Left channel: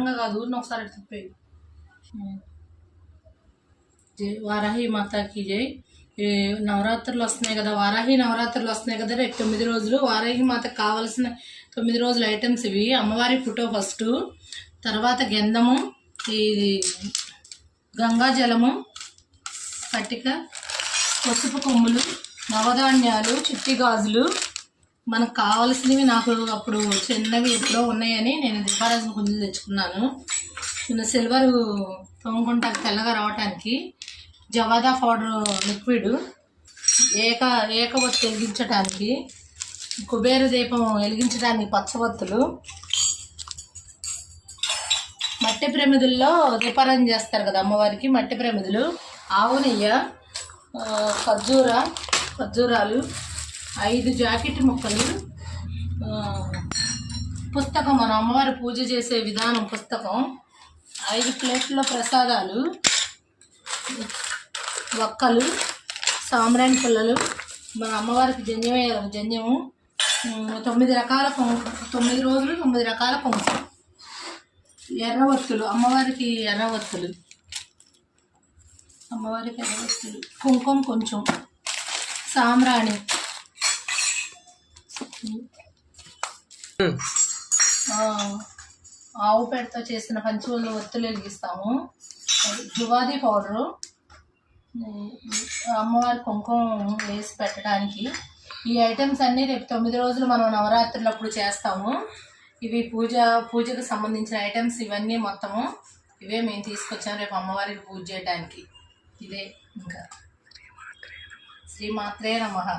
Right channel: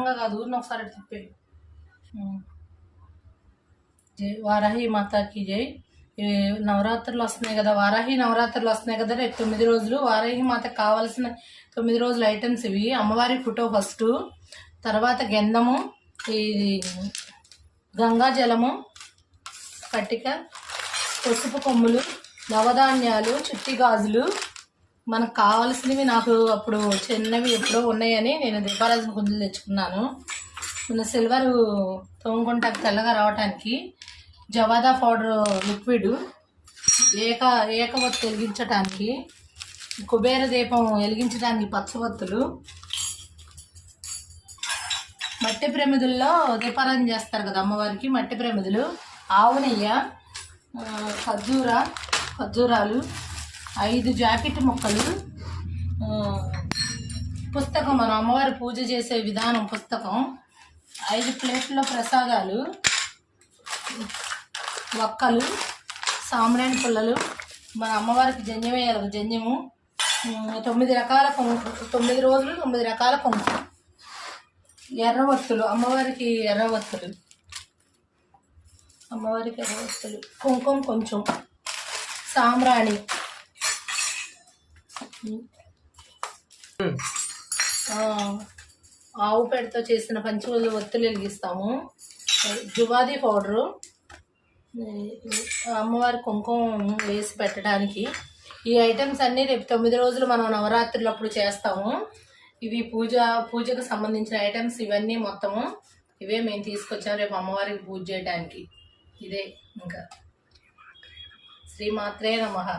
కాదు ఒకసారి తిప్పే. జై వారాహి మాతాకి జై. నవరాత్రులు వస్తున్నాయి కదా, వారాహి నవరాత్రులు వస్తున్నాయి కదా, రేపు 9 రోజులు. వారాహి మాతకు కావాల్సిన 9 రోజుల ఐటమ్స్ ఇవి. అమ్మవారి ఫోటో ఫస్ట్, తర్వాత గంధము, ఈ గంగా జలము, పట్టిక, పసుపు కొమ్ములు, నవధాన్యాలు, చిట్టి గాజులు. మనకు కావాల్సినవి నాకు అప్పుడు చిన్నవి ఎప్పుడో ఉన్నాయని నేను దీపారాజన కుందులు తెచ్చుకున్నాను. సిల్వర్ తోముకుంటాకు తెల్లగా రావటానికి, జవాదా పౌడర్ లిక్విడ్, ఏకవత్తు వెలిగించడానికి, కుబేర దీపం వెలిగించడానికి పచ్చవత్తులు, మట్టి ప్రమిదుల్లో దీపారాధన చేస్తారు కదా అమ్మవారికి, మట్టి ప్రమిదులు, ఆవు నెయ్యి, ఖర్జూరాలు, 5 జాకెట్ ముక్కలు, పుస్తకం, మన అమ్మవారి పూజ చేసే విధానం పుస్తకం, 5 ప్లేట్ల ప్రసాదాలు, వక్కలు, సాంబ్రాణి పుల్లలు, మన అమ్మవారికి జంజం వేయాలి, జంజము, 9 రకాల 9 రోజులు 9 రకాల కుంకుమ, ఎర్రవత్తులు, అమ్మవారికి ఎర్రవత్తులు, కుంకుమ కొంచెం, సాంబ్రాణి, ఆవు పేడతో చేసిన పంచవల్ల ఒత్తులు వెలిగిస్తాము, జువాది పౌడరు, అమ్మవారి కుంకుమ వేసి పెట్టడానికి. ఈ ఐటమ్స్ అన్నీ రేపు 9 రోజులు మనం నవరాత్రులు అప్పుడు చేస్తాము. ఇవి పూజకు సంబంధించిన ఐటమ్స్ ఇవన్నీ మొత్తము ఇవే మేము తీసుకొచ్చాము రేపు అమ్మవారికి పూజ చేయడానికి. ఇదే ఇంకా శ్రీమాత్రే నమః.